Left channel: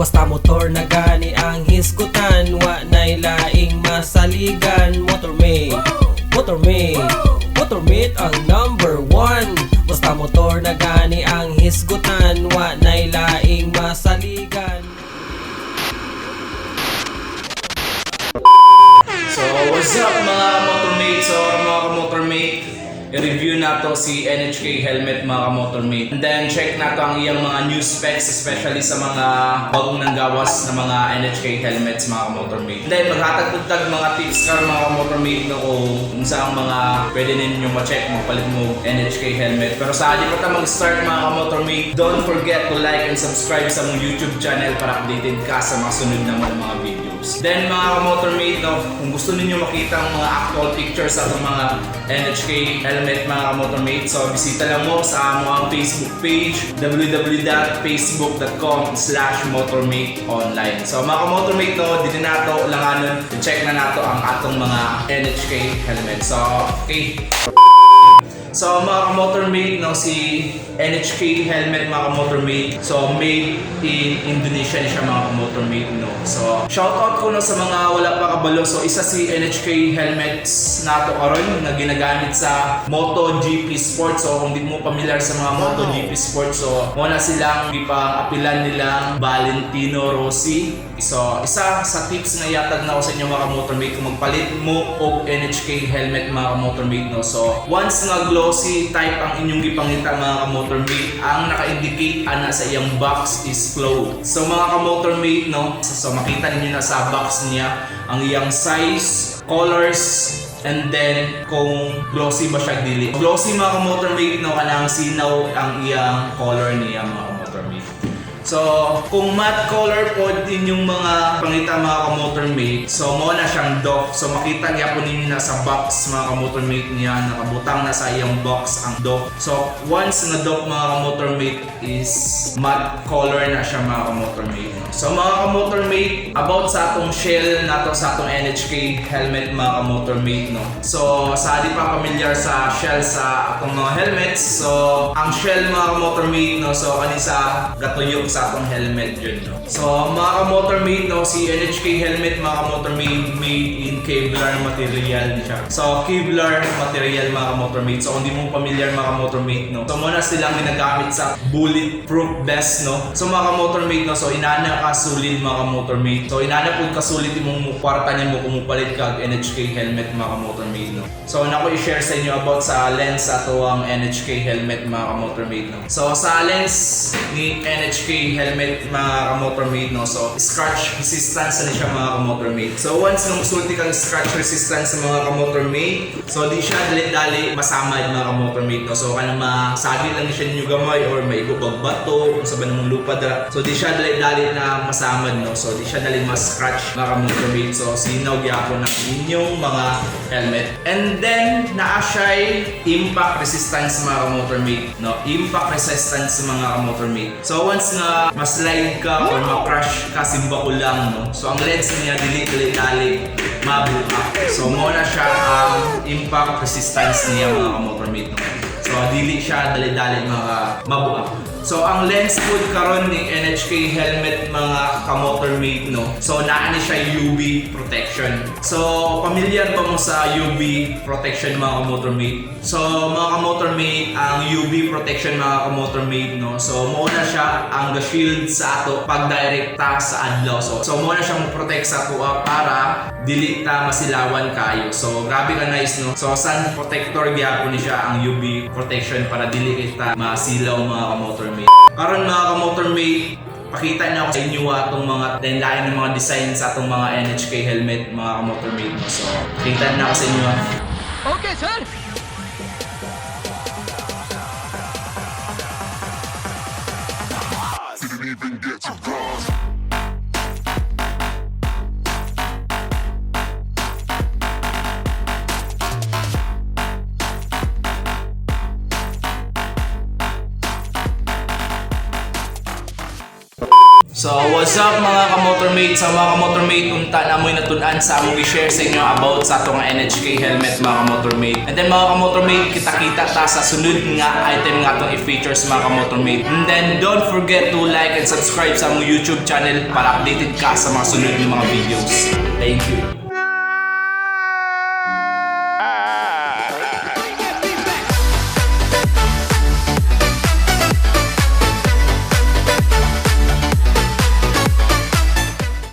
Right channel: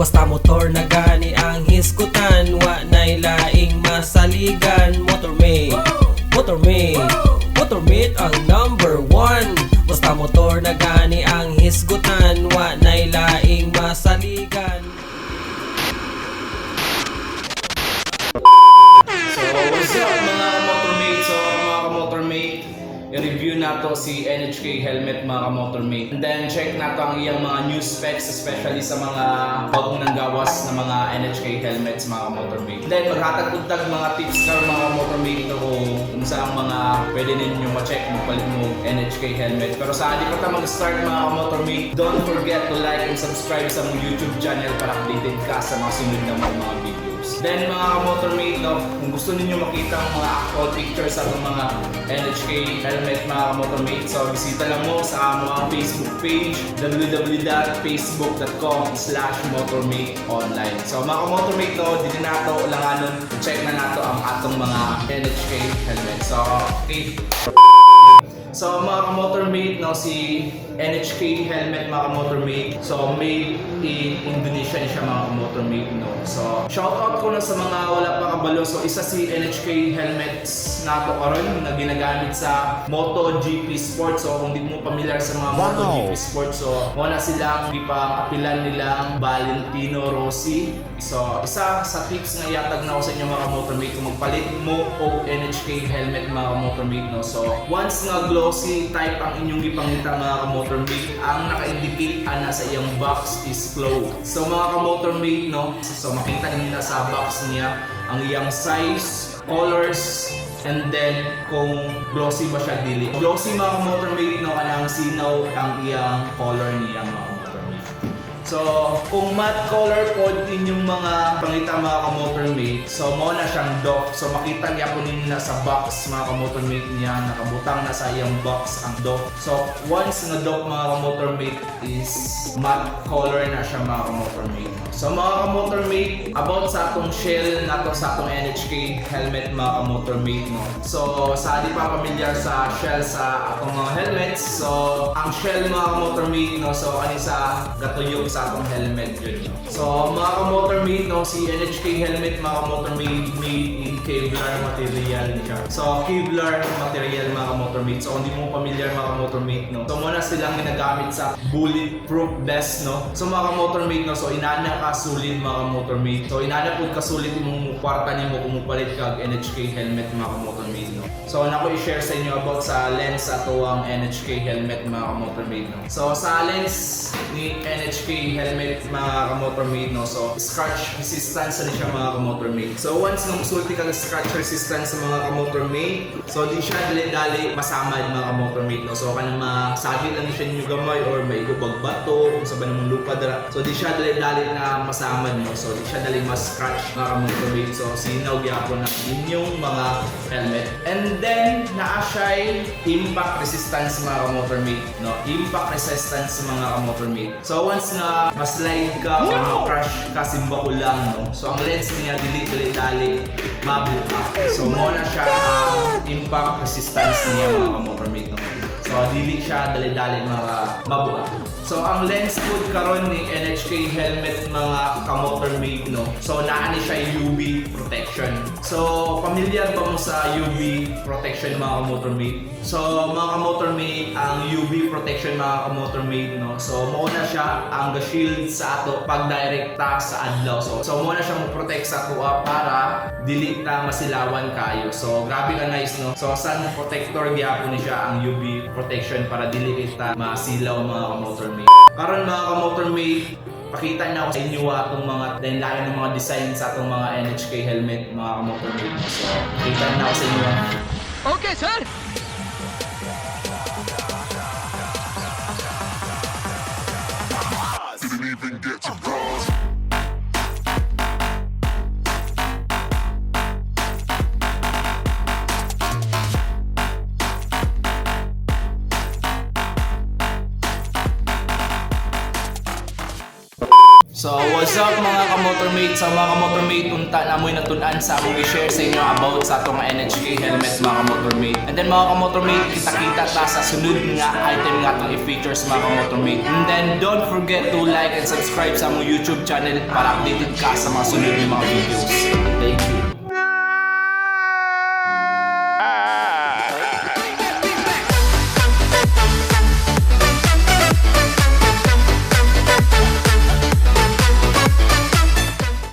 Basta motor na gani ang hisgutan, wa nay laing masaligan. MOTORMATE, MOTORMATE, MOTORMATE ang number 1. Basta motor na gani ang hisgutan, wa nay laing masaligan. MOTORMATE, MOTORMATE. So, what's up mga motormate? So, mga motormate, i-review nato si NHK helmet mga motormate. And then, check nato ang iyang mga new specs, especially sa mga bagong nanggawas na mga NHK helmets mga motormate. And then, maghatag-tag mga tips para mga motormate no, kung saan mga pwede ninyo ma-check mo palit mo NHK helmet. Pero sa akin ka mag-start mga motormate, don't forget to like and subscribe sa mong YouTube channel para updated ka sa mga sunod na mga videos. Then mga motormate, no, kung gusto ninyo makita ang mga actual pictures sa mga NHK helmet mga motormate, so bisita lang mo sa mga Facebook page www.facebook.com/motormateonline. So mga motormate, no, dito nato langanon, check na nato ang atong mga NHK helmet. So okay. So mga motormate, no, si NHK helmet mga motormate, so made in Indonesia siya mga motormate, no. So shoutout ko na sa mga wala pa kabalo. So isa si NHK helmets nato karon na ginagamit sa MotoGP Sports. So kung di mo familiar sa mga MotoGP Sports, so wala silang ipa-apilan nilang Valentino Rossi. So isa sa tips nga yatag na ko sa inyo mga motormate, kung magpalit mo og NHK helmet mga motormate, no. So once nga glossy type ang inyong gipangita mga motormate, ang naka-indicate ana sa iyang box is closed. So mga motormate, no, so makita niyo na sa box niya ang iyang size, colors, and then kung glossy ba siya dili. Glossy mga motormate, no, kanang sinaw ang iyang color niya mga motormate. So kung matte color po din yung mga pangita mga motormate, so mo na siyang doff. So makita niya po ninyo na sa box mga motormate niya, nakabutang na sa iyang box ang doff. So once na doff mga motormate is matte color na siya mga motormate. So mga motormate, about sa atong shell nato sa atong NHK helmet mga motormate, no. So sa di pa familiar sa shell sa atong mga helmets, so ang shell mga motormate, no, so kanisa gatuyok sa atong helmet yun, no. So mga motormate, no, si NHK helmet mga motormate made in Kevlar material siya. So Kevlar material mga motormate. So kung di mo familiar mga motormate, no, so muna silang ginagamit sa bulletproof vest, no. So mga motormate, no, so inana ka sulid mga motormate. So inana pud ka sulid imong kwarta nimo kung mupalit ka NHK helmet mga motormate, no. So nako i-share sa inyo about sa lens sa tuwang NHK helmet mga motormate, no. So sa lens ni NHK helmet mga motormate, no, so scratch resistance na siya mga motormate. So once nung sulti kang scratch resistance sa mga motormate, so di siya dali-dali masamad mga motormate, no. So kanang masabi lang siya ninyo gamay or may ibang bato sa banang lupa dara, so di siya dali-dali na masamad, no. So di siya dali mas-scratch mga motormate. So sinaw gyapon ng inyong mga helmet. And then naa siya impact resistance mga motormate, no. Impact resistance mga motormate. So once na maslide ka or ma-crash ka simba ko lang, no. So ang lens niya dili-dali ma-blow up. So mo na siya ang impact resistance niya mga motormate, no. So dili siya dali-dali mabuha. So ang lens code karon ni NHK helmet mga kamotormate, no. So naa ni siya UV protection. So familiar ba mo sa UV protection mga kamotormate? So mga kamotormate, ang UV protection mga kamotormate, no. So mo na siya ang shield sa ato pag direkta sa adlaw. So mo na siyang protect sa ato para dili ta masilawan kayo. So grabe ka nice, no. So sun protector gyapon ni siya ang UV protection para dili kita masilaw mga kamotormate. Karon mga kamotormate, pakita na ako sa inyo atong mga lain ng mga design sa atong mga NHK helmet mga kamotormate. So pakita na ako sa inyo. Okay, sir. Didn't even get to cross. So what's up mga kamotormate? Sa mga kamotormate, unta na mo'y natunan sa among i-share sa inyo about sa itong NHK helmet mga kamotormate. And then mga kamotormate, kita-kita ta sa sunod nga item nga itong i-features mga kamotormate. And then don't forget to like and subscribe sa among YouTube channel para updated ka sa mga sunod ng mga videos.